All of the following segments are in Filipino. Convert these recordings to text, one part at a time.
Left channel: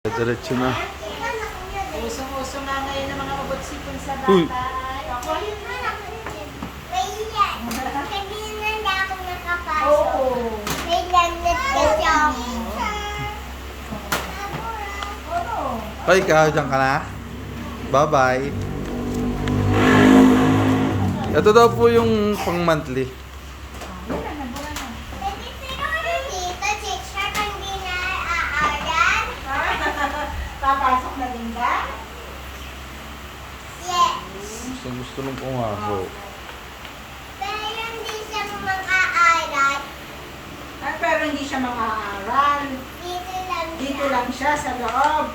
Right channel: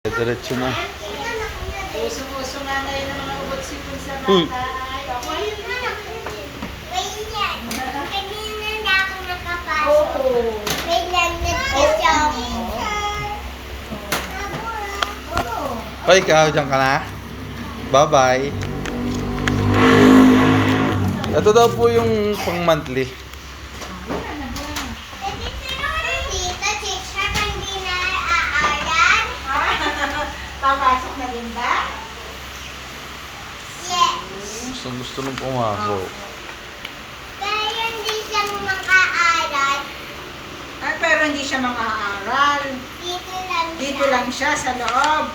Diretso na. Usong-uso nga ngayon ng mga ubot-sipon sa bata. Uy. Ay, ako yun na. Kanina na ako nakapasok. Oo. Wait lang, nagkasyon. Hoy, ikaw, dyan ka na. Bye-bye. Ito daw po yung pang monthly. Papasok na din ba? Gusto nung pumasok. Pero hindi siya makaaral. Ay, pero hindi siya makaaral. Dito lang siya sa loob.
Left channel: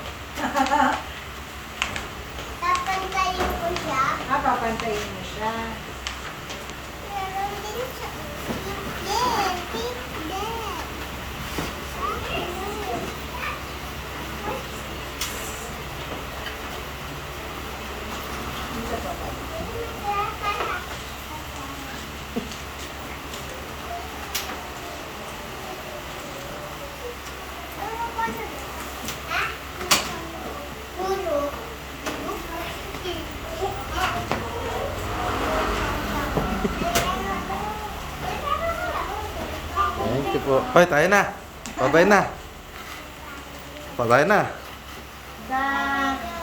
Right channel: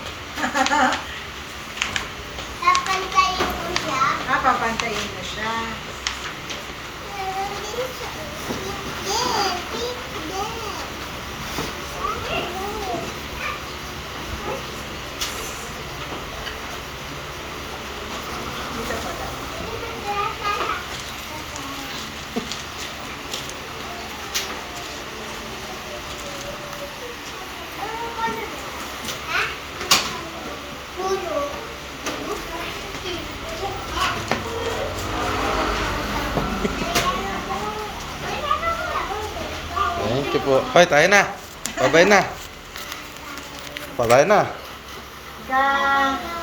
Papantayin ko siya. Papantayin mo siya. Meron din siya. Thank you po. Hoy, tayo na. Bye-bye na. Bye-bye na.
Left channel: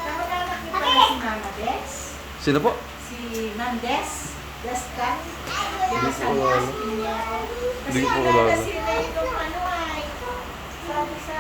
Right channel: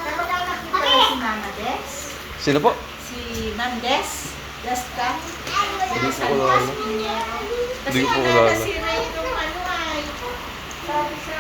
Kapag-anak niyo pala si Mama Des? Sino po? Si Ma'am Des? Destan? Hindi ko kilala. Pinero. Hindi ko po kilala. Kasi nasira yung ano ay. Sabi sa